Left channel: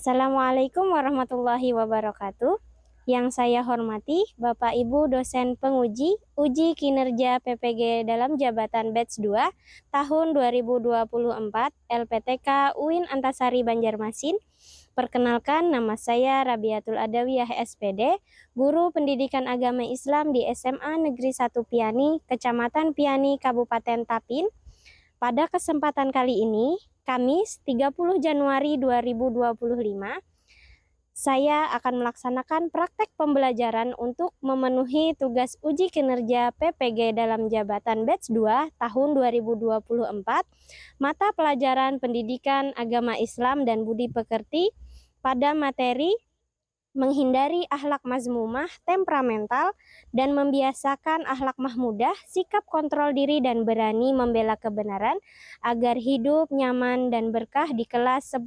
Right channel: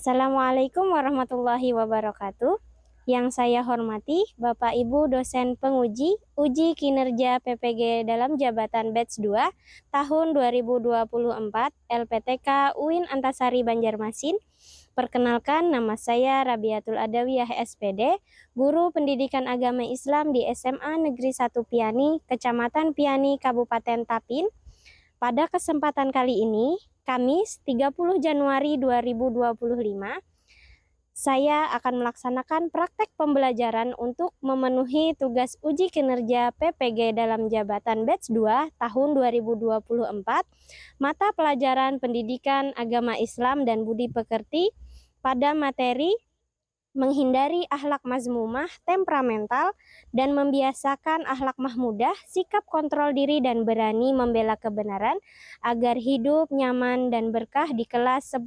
Assalamualaikum warahmatullahi wabarakatuh. Yang saya hormati Bapak Ibu dosen penguji uji kinerja PPG dalam jabatan batch 2 tahun 2024 LPTK UIN Antasari Banjarmasin. Perkenalkan, nama saya Rabiatul Adawiyah SPD, guru pendidikan agama Islam di SMA Negeri 1 Piani, Kecamatan Piani, Kabupaten Tapin. Pada kesempatan kali ini, Kamis 30 Januari 2025, saya akan melaksanakan praktek pembelajaran untuk memenuhi tugas uji kinerja PPG dalam jabatan batch 2 tahun 2024, mata pelajaran pendidikan agama Islam dan budi pekerti pada materi menghindari akhlak mazmumah, temperamental, dan membiasakan akhlak mahmudah, sikap kontrol diri dan berani membela kebenaran agar hidup nyaman dan berkah di kelas 10.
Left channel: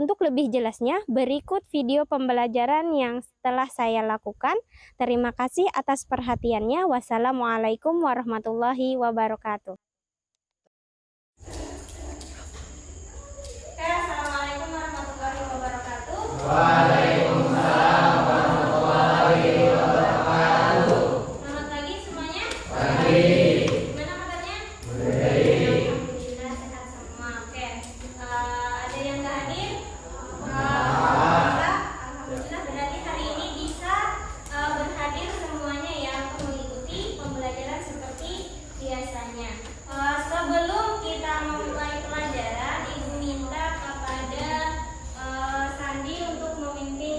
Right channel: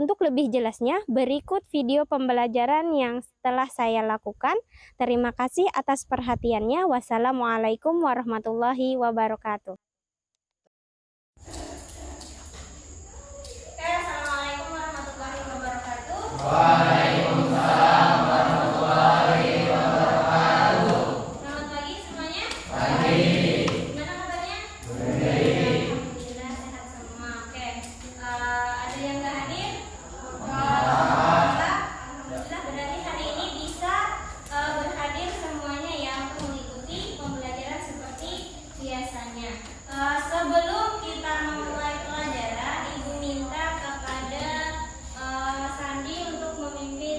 Untuk lebih jelasnya, berikut video pembelajaran yang telah saya lakukan. Terima kasih atas perhatiannya. Wassalamualaikum warahmatullahi wabarakatuh. Assalamualaikum warahmatullahi wabarakatuh. Waalaikumsalam warahmatullahi wabarakatuh. Selamat pagi semuanya. Pagi. Gimana kabarnya? Baik. Alhamdulillah sehat semua. Oke. Ada yang nggak hadir? Alhamdulillah berarti hari ini bisa berhadir semuanya ya untuk mengikuti pembelajaran seperti biasanya. Sebelum kita memulai pelajaran, Ibu minta kepada Sandi untuk memimpin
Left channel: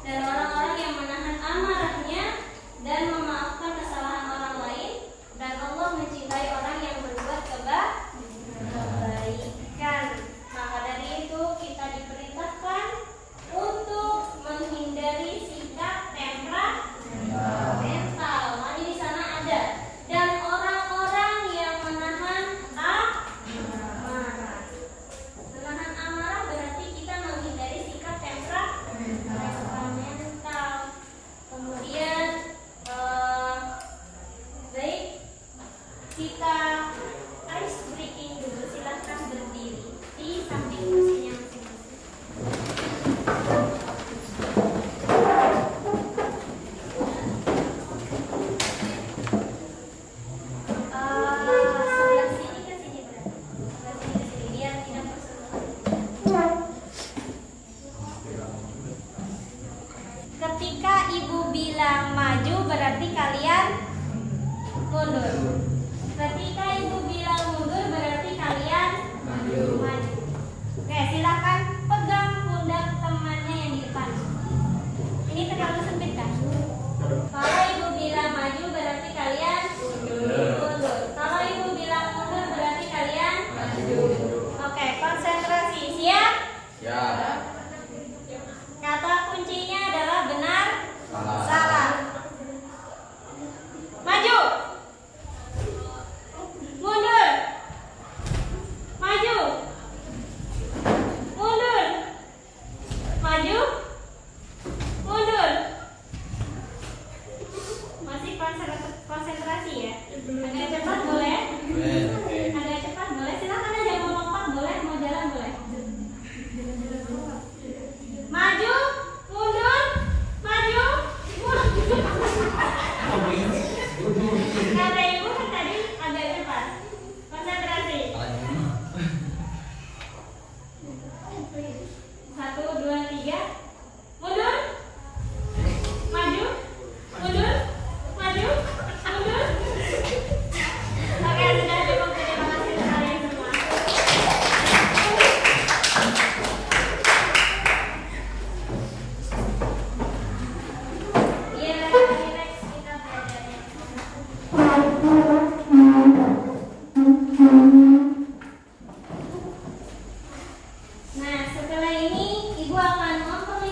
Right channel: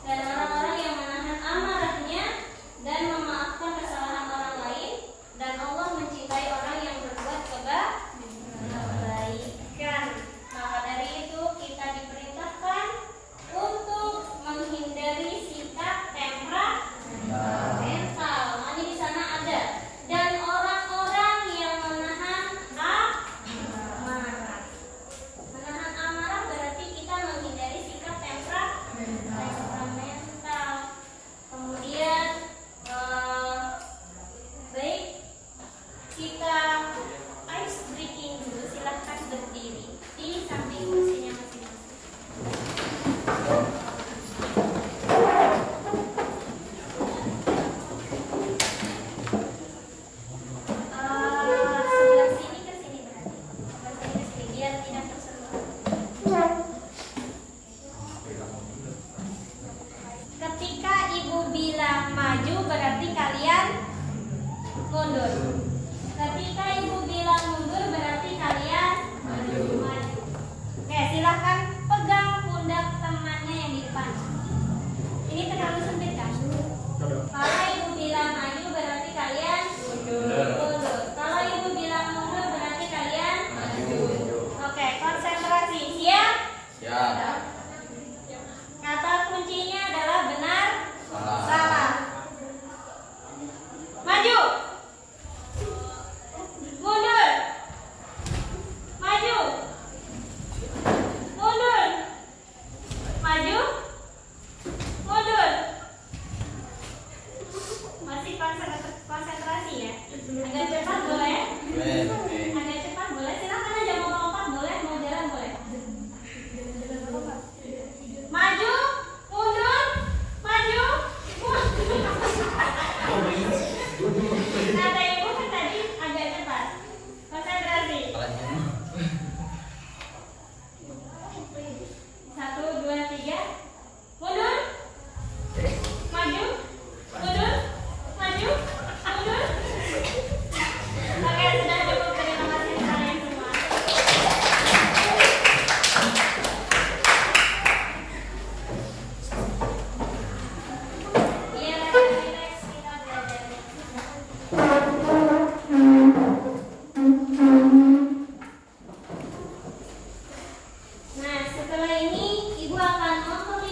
dan orang-orang yang menahan amarahnya dan memaafkan kesalahan orang lain, dan Allah mencintai orang yang berbuat kebaikan. Maka dari itu kita diperintahkan untuk menghindari sikap temperamental. Nah, di sana ada dan orang-orang yang menahan amarah. Menahan amarah berarti kita menghindari sikap temperamental. Kemudian baik, kita ice breaking dulu. Silahkan berdiri di samping kursinya masing-masing. Sebelah sini ke sini berarti. Sebelah sini ke sini biar tidak tersentuh. Ketika ibu bilang maju berarti kalian mundur. Ketika ibu bilang mundur berarti kalian maju. Oke, silahkan pegang pundak temannya yang di depan. Ini terlalu sempit kan? Kalau ibu bilang maju berarti kalian mundur. Kalau ibu bilang mundur berarti kalian maju. Oke, konsentrasi. Siap? Siap. Kata kuncinya adalah benar, salah. Maju. Mundur. Maju. Mundur. Maju. Mundur. Masih konsentrasi ya? Agak cepat boleh? Agak cepat boleh? Silahkan aja, mau lompat boleh, mau jalan boleh. Maju, mundur, maju, mundur. Kata ibu kan tadi agak cepat. Konsentrasi. 1, 2, 3. Mundur. Maju. Mundur. Maju. Mundur. Oke, sudah cukup. Terima kasih kalian semua. Iya, relax kita belajarnya. Nah, setelah ini ibu akan memperlihatkan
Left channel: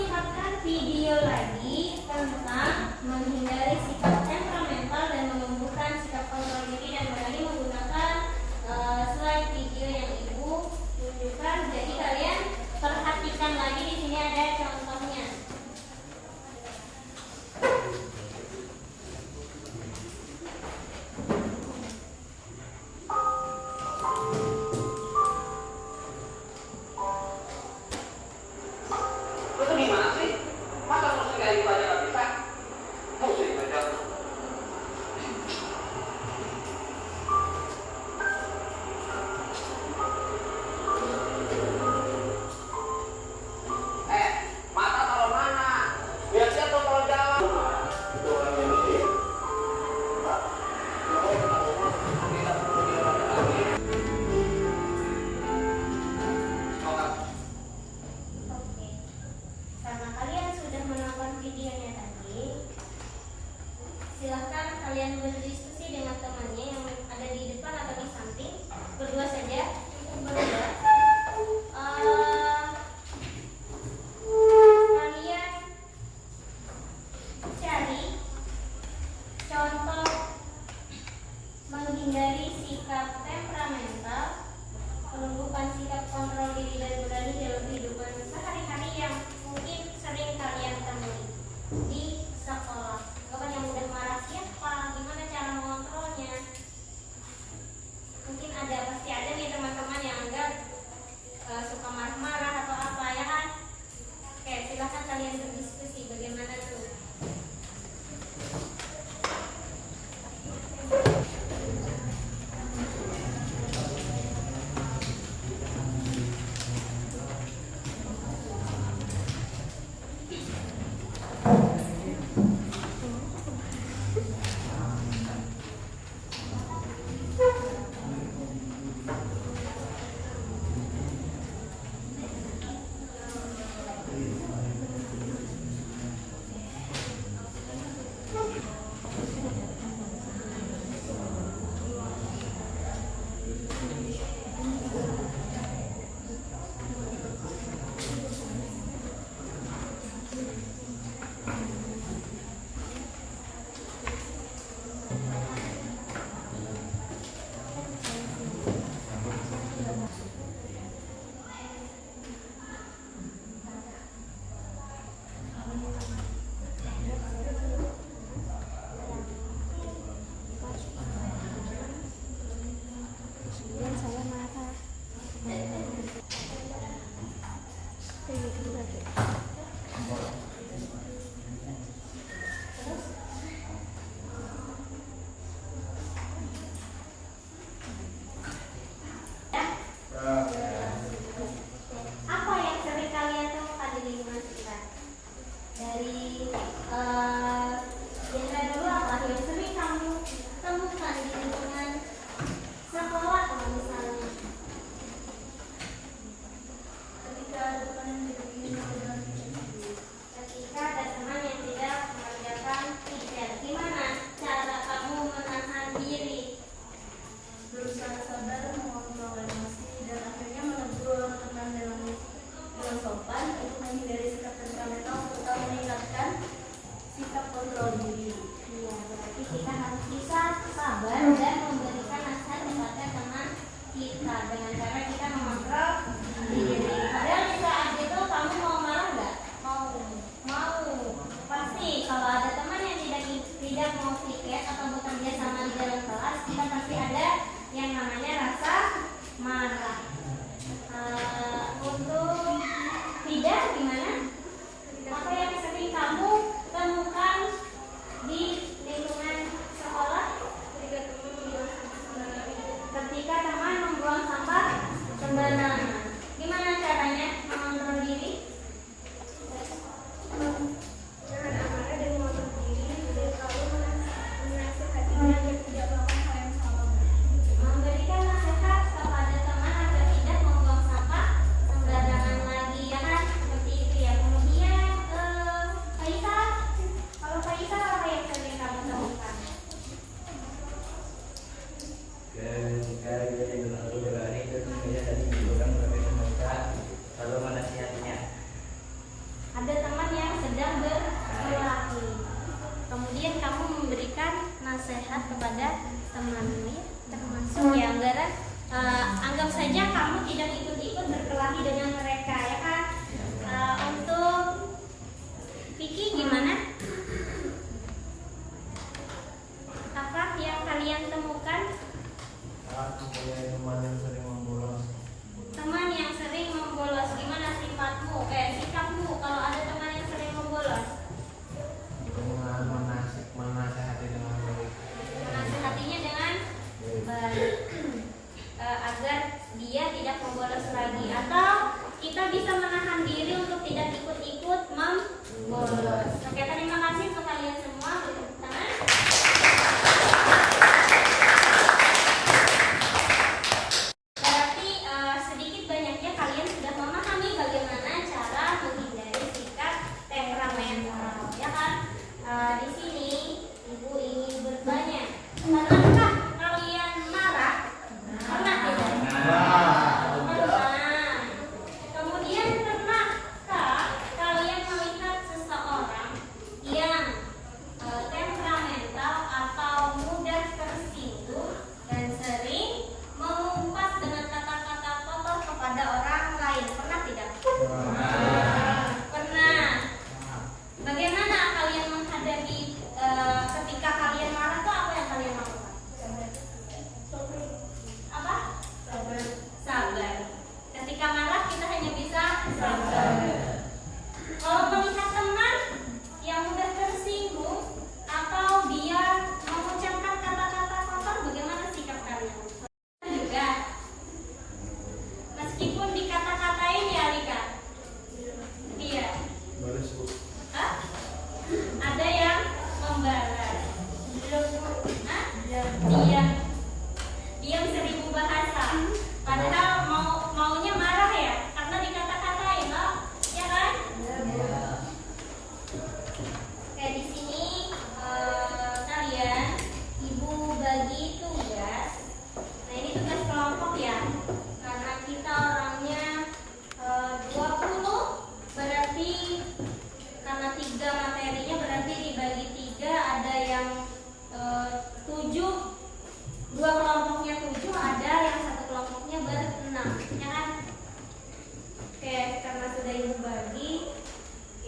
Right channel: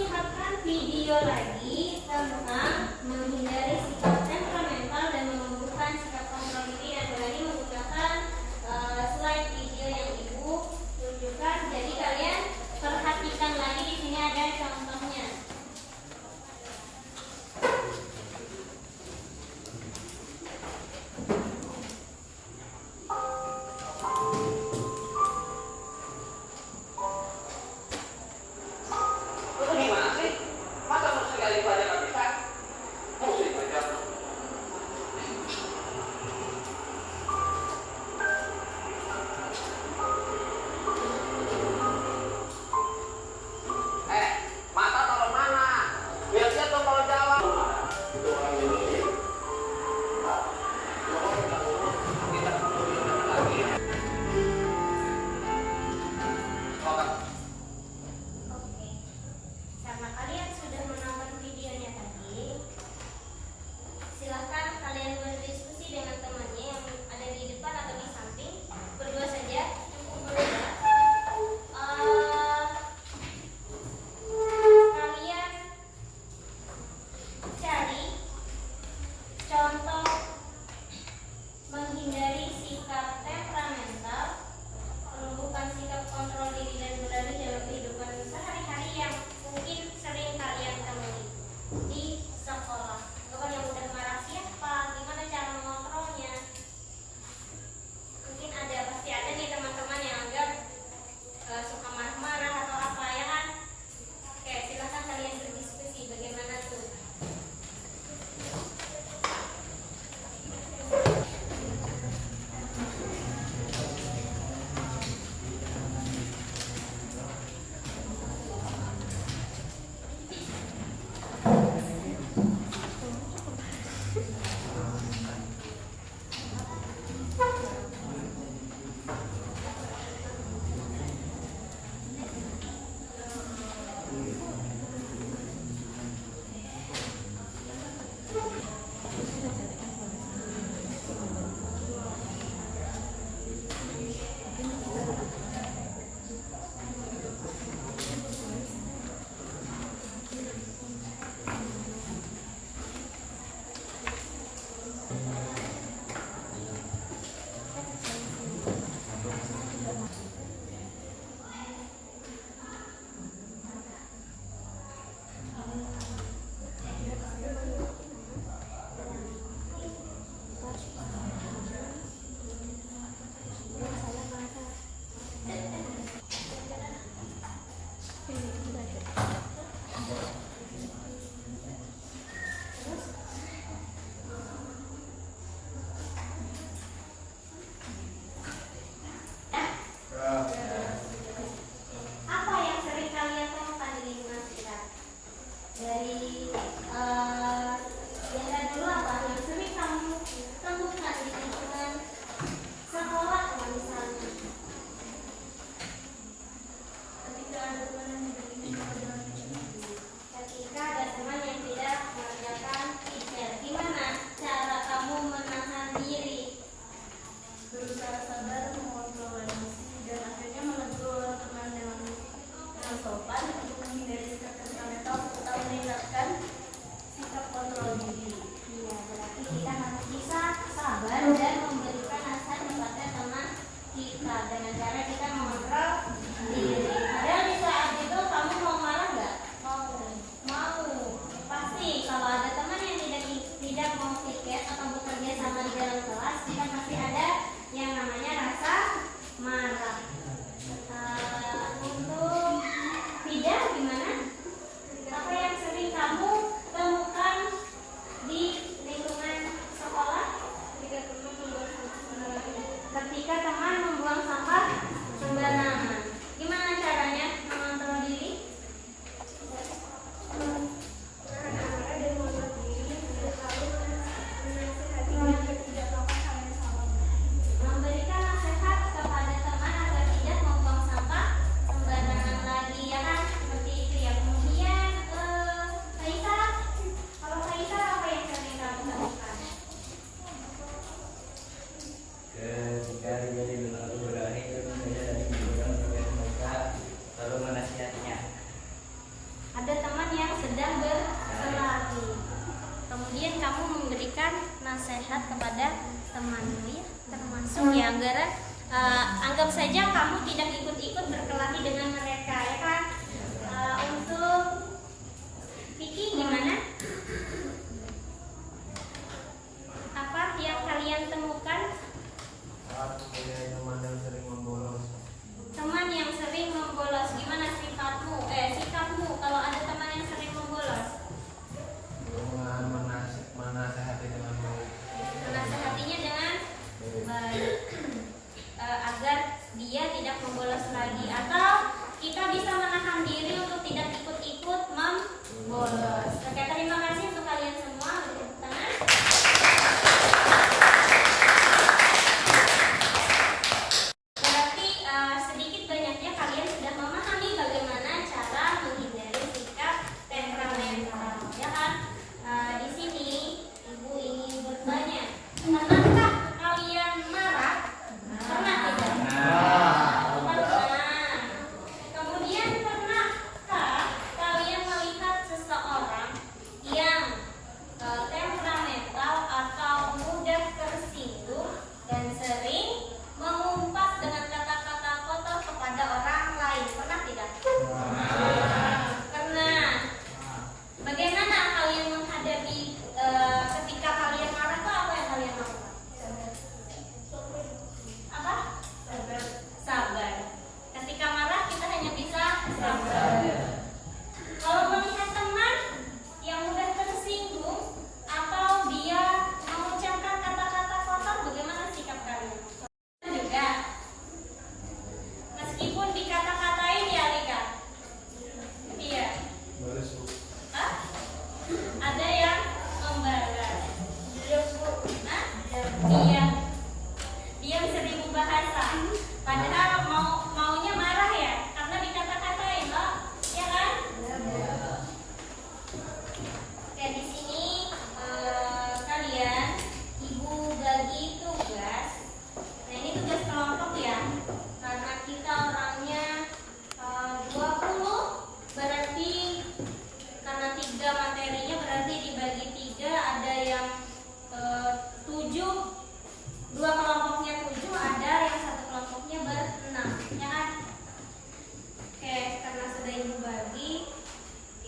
sudah Ibu bagi,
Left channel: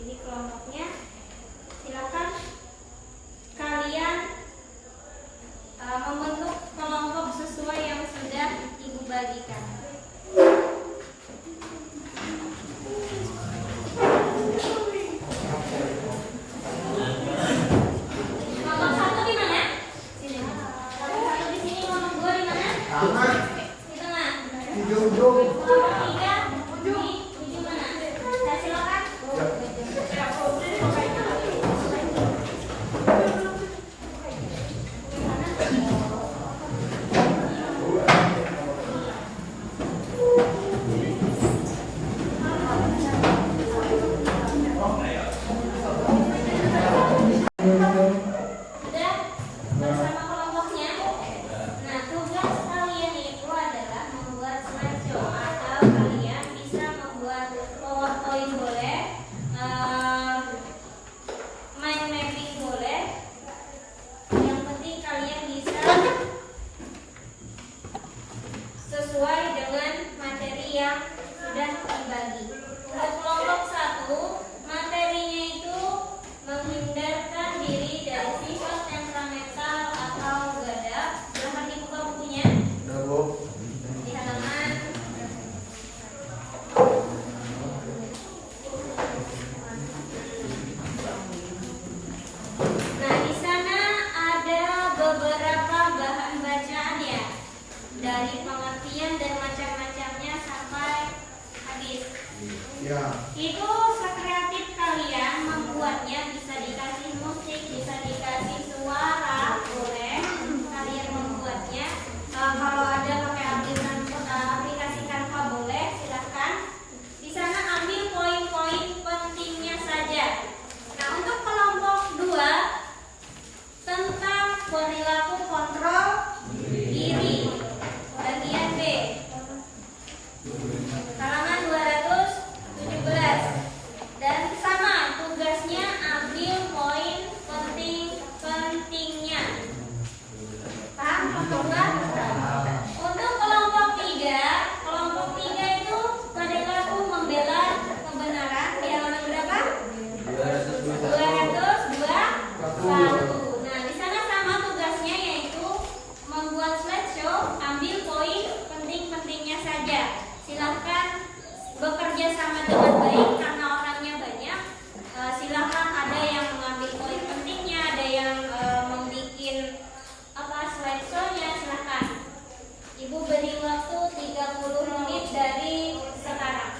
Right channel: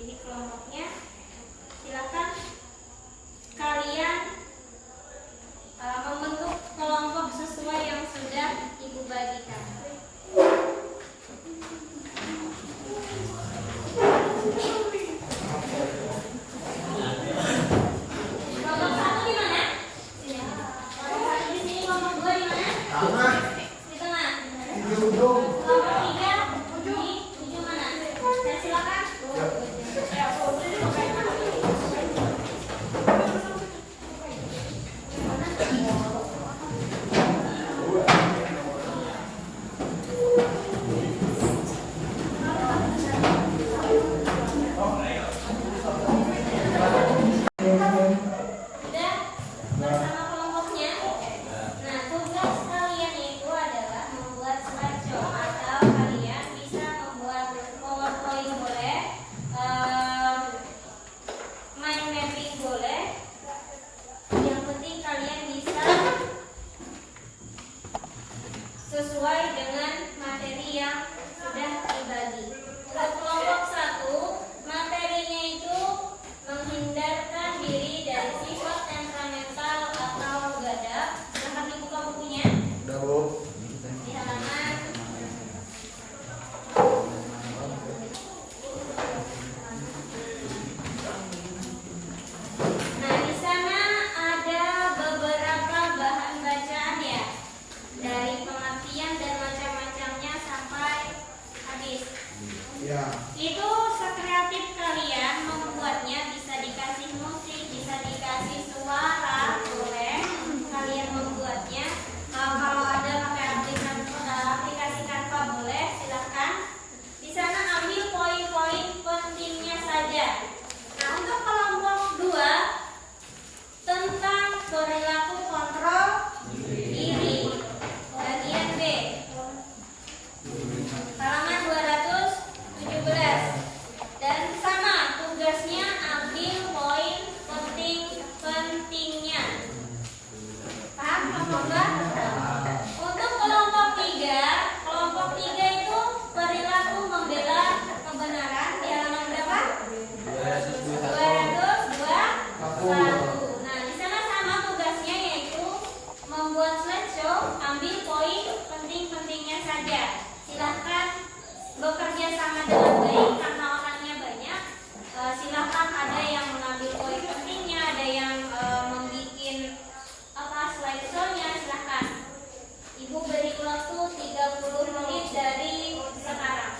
ini kelompoknya. Silakan kalian membentuk kelompok sesuai yang sudah Ibu bagikan. Kelompok satu di mana? Sini. Kelompok satu di sini, kelompok dua di mana? Di tengah. Kelompok tiga di ujung mana? Saya silakan. Sudah bersama kelompoknya. Nah, tugas kalian itu adalah membuat slideshow atau kalian bisa membuat PowerPoint boleh, mind mapping boleh. Yang penting kalian bisa sesuai dengan materi yang sudah dibagi. Untuk kelompok satu, materinya itu menghindarkan diri dari sifat temperamental atau gadap. Silahkan dibuka bukunya di halaman. Nah, di sana ada beberapa bahan bacaan ya, dari pengertian dan macam-macamnya sampai habis. Itu sekreatif kalian membuatnya, bisa dikasih musik, bisa dikasih suara, boleh kalian membuatnya. Kalau ada pakai aplikasi Canva boleh, silahkan. Di sana ambil poin-poin pentingnya saja. Nah, untuk kelompok 2 tentang perilaku kontrol diri, bagian B, halaman 217. Dan sama tugasnya, ambil poin penting-pentingnya. Paham kelompok 2? Untuk kelompok 3 itu perilaku membela kebenaran, di halaman berapa? 221. Nah, di sana sama tugasnya, yaitu membuat slideshow, ambil poin penting-pentingnya saja. Silahkan bekerja sama dengan baik karena orangnya banyak. Silahkan ada yang mengambil poin pentingnya, ada yang membuat slideshow-nya. Silahkan. Ibu beri waktu 30 menit dari sekarang.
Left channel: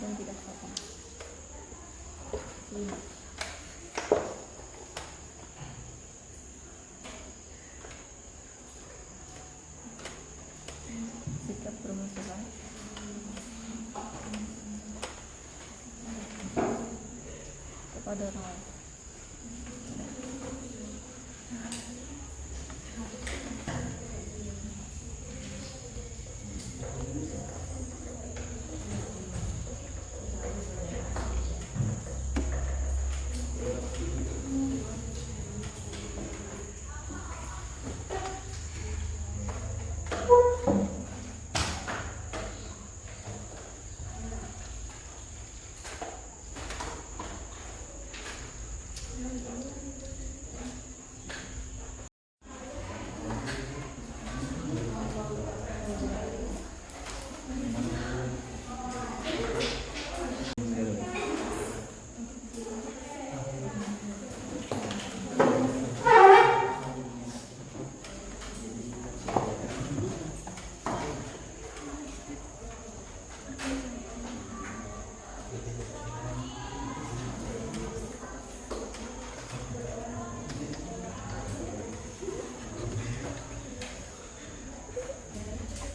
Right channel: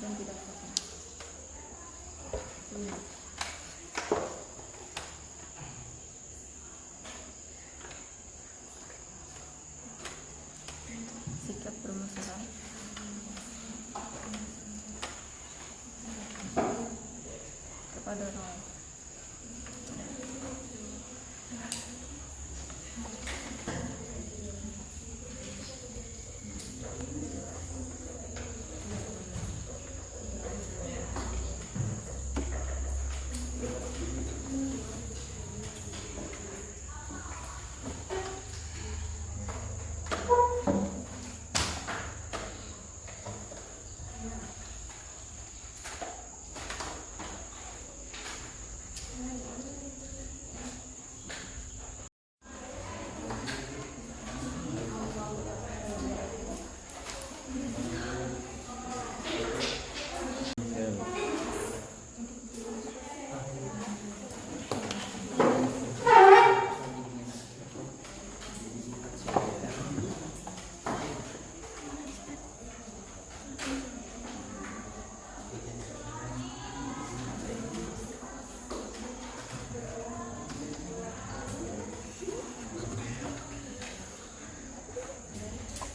dan tidak sopan. 5. Sikap bermusuhan kepada orang lain.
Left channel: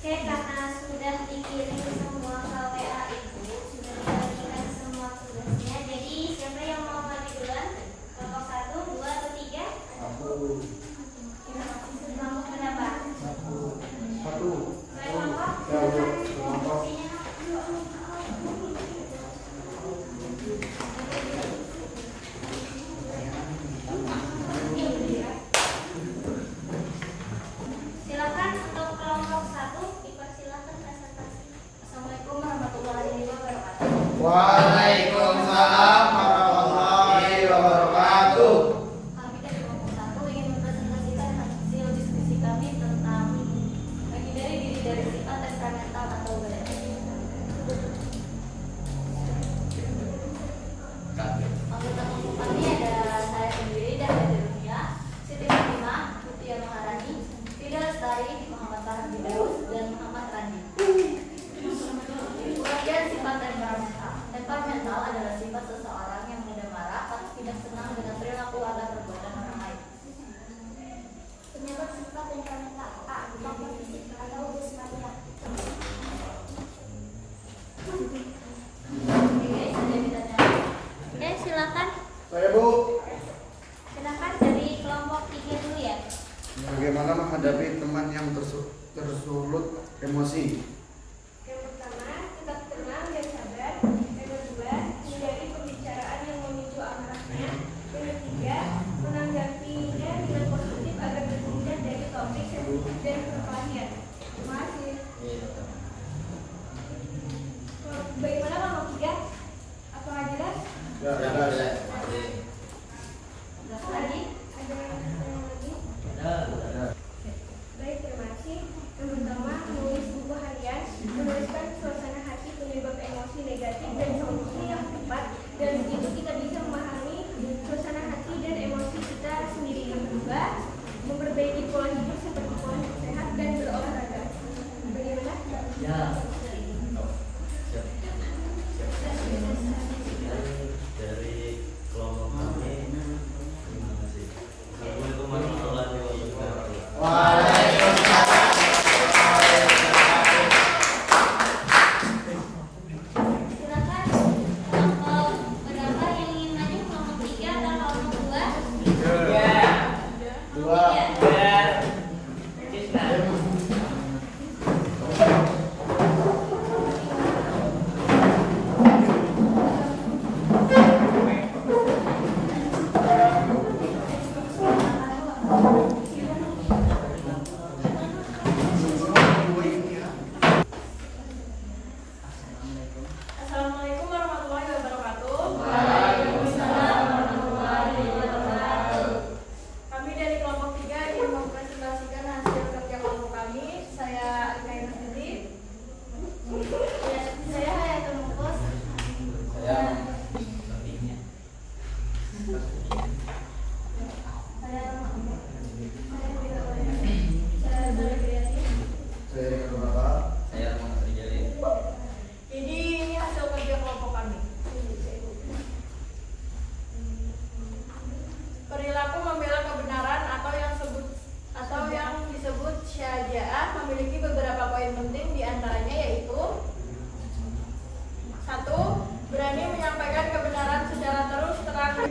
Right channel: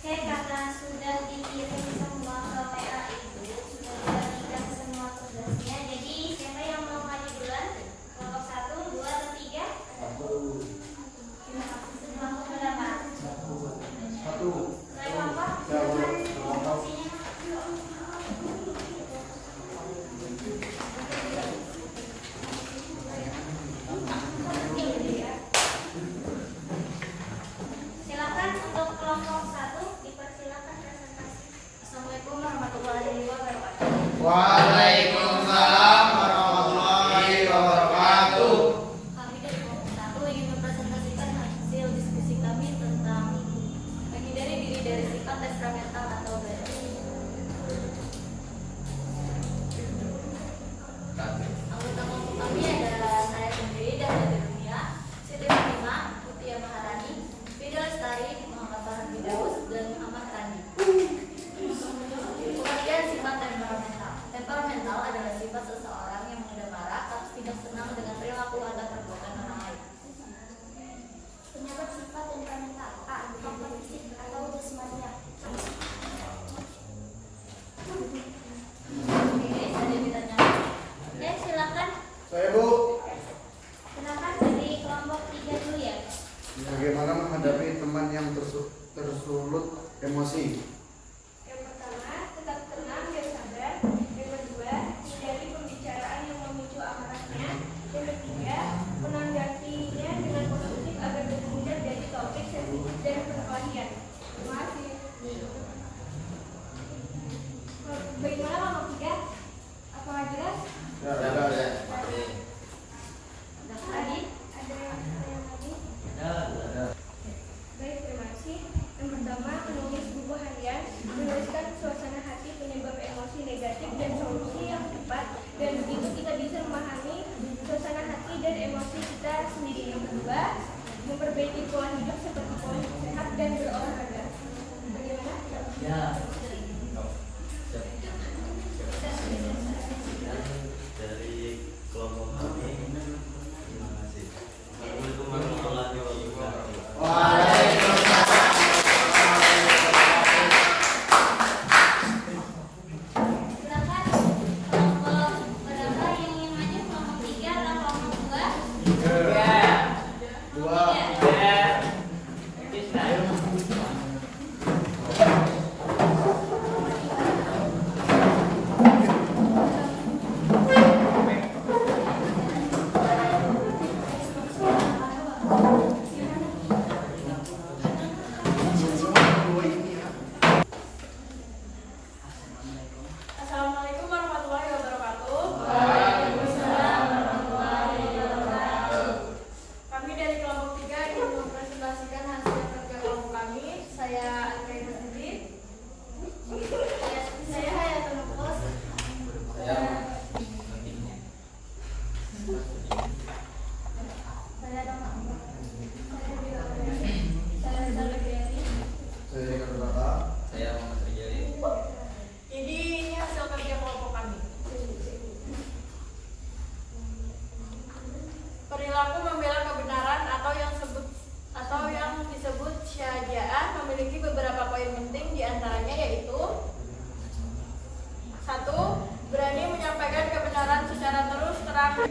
Oke, karena sudah dikirim semua ke WA itu, sudah dibagikan semua tugasnya. Jadi siapa yang mau maju duluan? Kelompok 1, 2, atau 3? Kelompok berapa? 1. Saya kelompok? Posisinya. Silakan untuk kelompok 1 dipersilakan presentasi. Assalamualaikum warahmatullahi wabarakatuh. Waalaikumsalam warahmatullahi wabarakatuh. Kami dari kelompok 1 ingin mempresentasikan hasil diskusi kami tentang menghindari diri dari sifat temperamental atau gaya. Anggota kelompok kami ada saya sendiri dan ada Dunia, Siti Fatimah, Mutia Maharani, Fida Lestari, Muhammad Farhan Firdaus, dan Muhammad Rani. Pengertian sifat temperamental.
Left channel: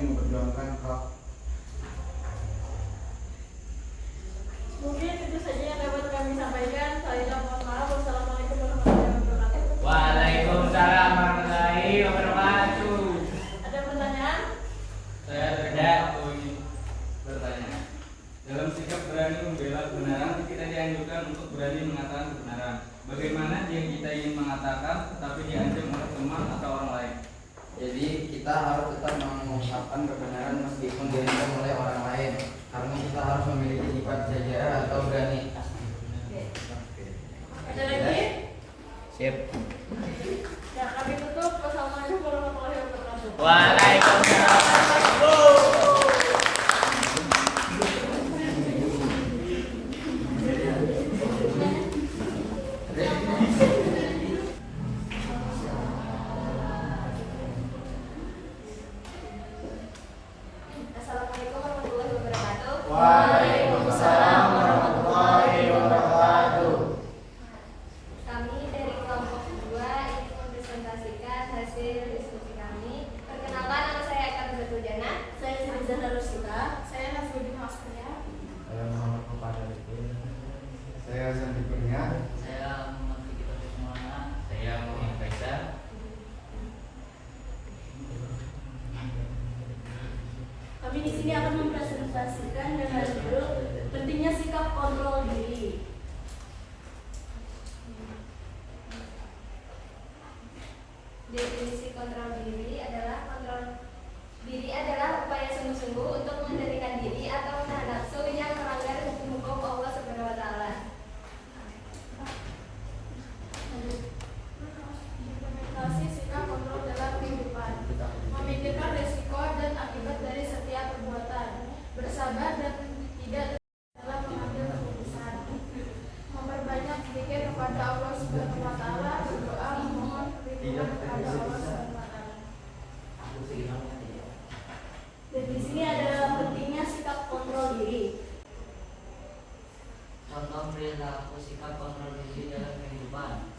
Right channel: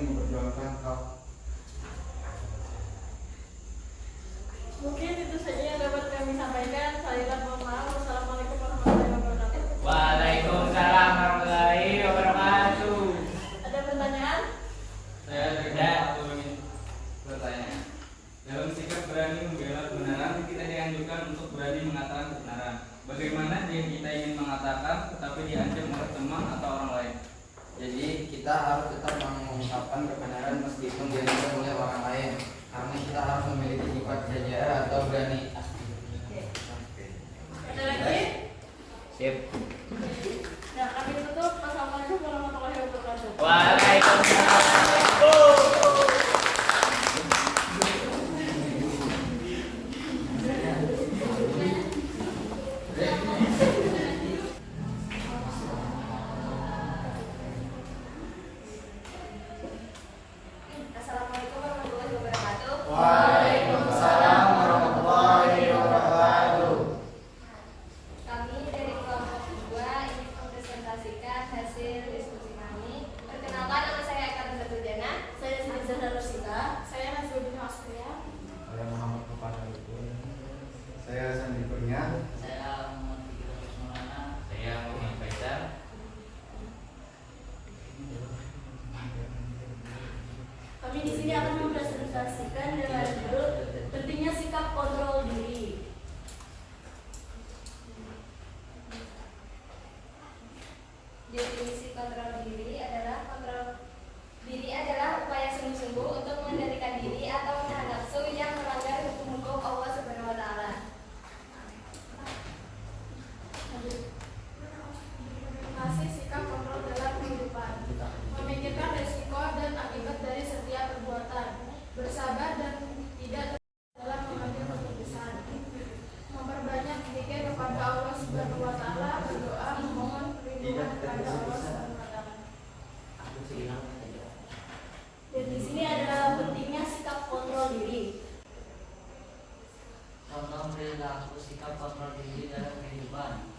memperjuangkan hak. Mungkin itu saja yang dapat kami sampaikan. Saya mohon maaf. Wassalamualaikum warahmatullahi wabarakatuh. Waalaikumsalam warahmatullahi wabarakatuh. Ada pertanyaan? Saya tidak ingin bertanya. Dalam sikap berani membela kebenaran, kita dianjurkan untuk berani mengatakan kebenaran. Bagaimana jika kita ingin mengatakan tetapi diancam oleh teman atau orang lain? Jadi kita harus tetap mengungkapkan kebenaran meskipun diancam oleh orang lain, karena kita harus memiliki sifat jajah atau berani. Ada lagi? Sip. Ya, kami tutup. Wassalamualaikum warahmatullahi wabarakatuh. Waalaikumsalam. Assalamualaikum warahmatullahi wabarakatuh. Waalaikumsalam warahmatullahi wabarakatuh. Kami dari kelompok 2 ingin mempresentasikan hasil diskusi kami. Perkenalkan, nama saya Eka Nurjana. Saya Zahra Rusita. Saya Nazrudin Hasria. Saya Muhammad Kopanarifin. Saya Sandi Kurnia. Saya Muhammad Fikri Maulana. Saya Muhammad Faisal. Kami di sini akan mempresentasikan dengan judul pentingnya sikap kontrol diri. Definisi kontrol diri adalah upaya sungguh-sungguh untuk mengendalikan diri atau menahan nafsu yang melanggar hukum-hukum Allah Subhanahu wa taala. Implementasi sikap kontrol dalam kehidupan. Memikirkan resiko dan akibat dari setiap perbuatan. Bersabar dan tidak dalam mengambil keputusan. Memperbanyak zikir kepada Allah Subhanahu wa taala, berdoa memohon perlindungan kepada Allah Subhanahu wa taala. Dan di sini adalah pentingnya sikap kontrol diri. Contoh perilaku sikap kontrol diri dalam kehidupan.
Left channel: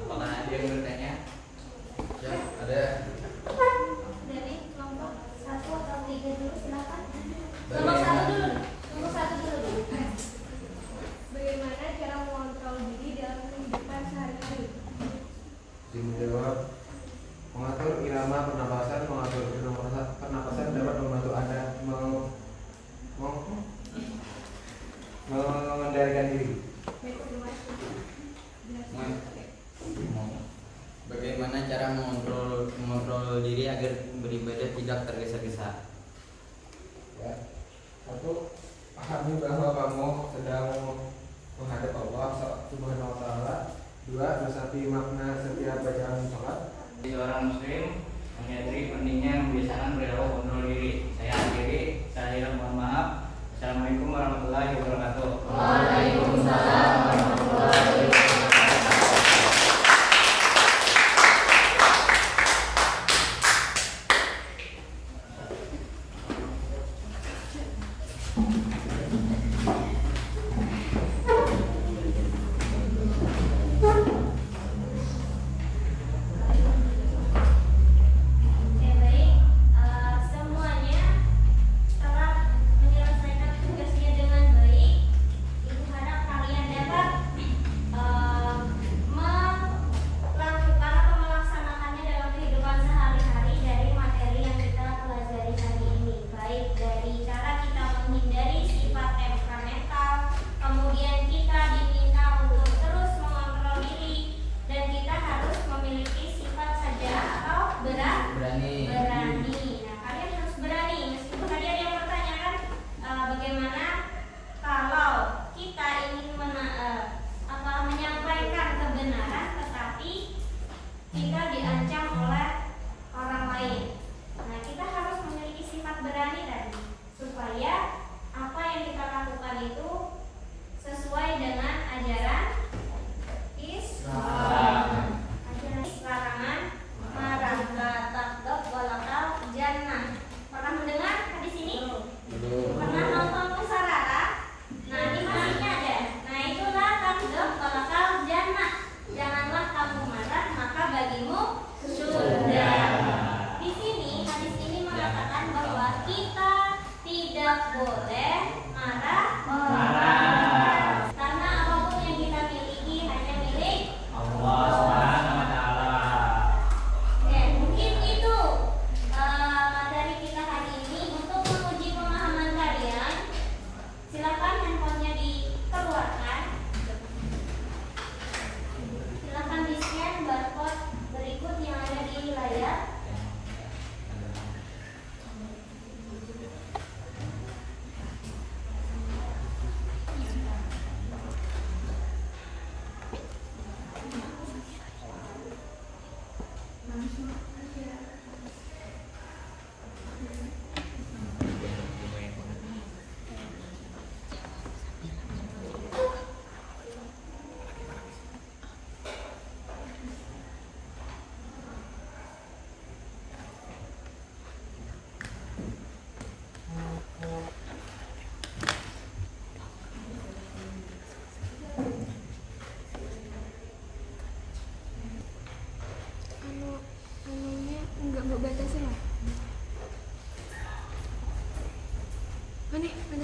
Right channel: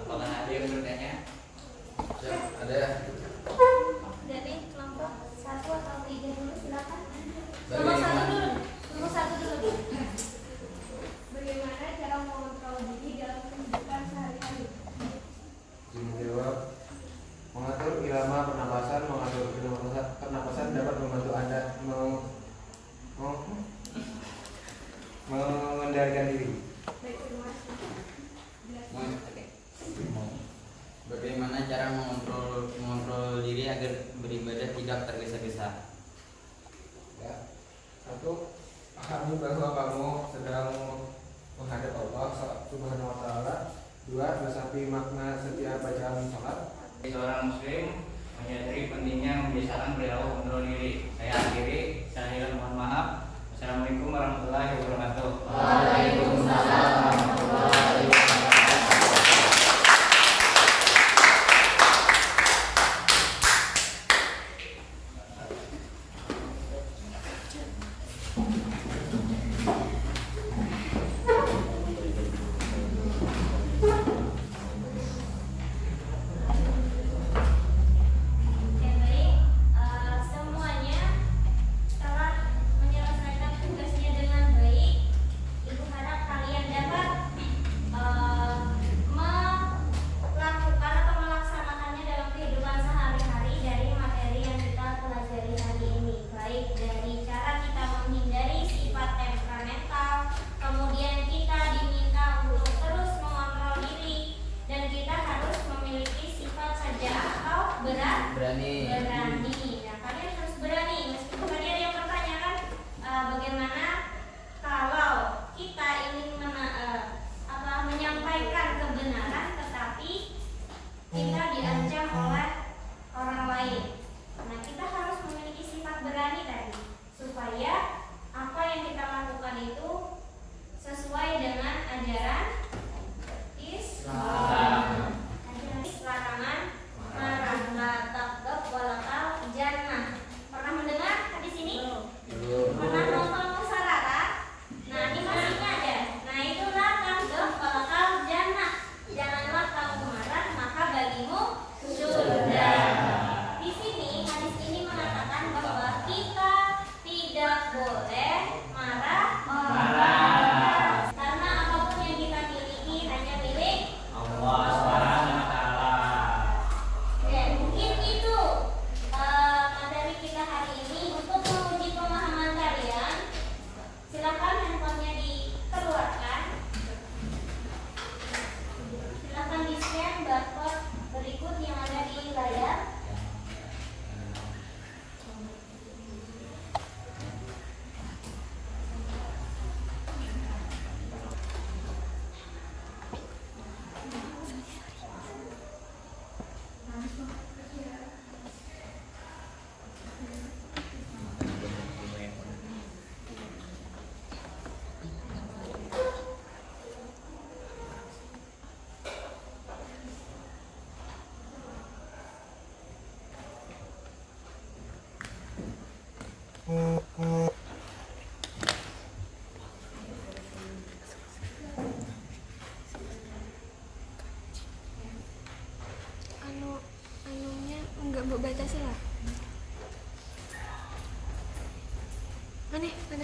Apakah ada yang bertanya? Ya, ada. Dari kelompok 1 atau 3 dulu, silakan. Kelompok 1 dulu. Kelompok 1 dulu. Bagaimana cara mengontrol diri dalam kehidupan sehari-hari? Dijawab. Mengatur irama pernapasan, pernapasan dapat membantu Anda mengendalikan diri. Baik, terima kasih. Bagaimana cara mengontrol diri agar beribadah tidak tergesa-gesa? Ya. 1. Pahami bahwa kamu sedang menghadap Allah Subhanahu wa taala. 2. Resapi makna setiap bacaan salat. Sebagai seorang muslim menyadari pentingnya membiasakan perilaku kontrol diri. Saya akhiri, saya mohon maaf. Assalamualaikum warahmatullahi wabarakatuh. Waalaikumsalam warahmatullahi wabarakatuh. Ya baik, semuanya telah menyelesaikan tugasnya dengan baik. Ibu harap kalian dapat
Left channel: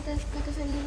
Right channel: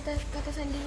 atas keputusan diri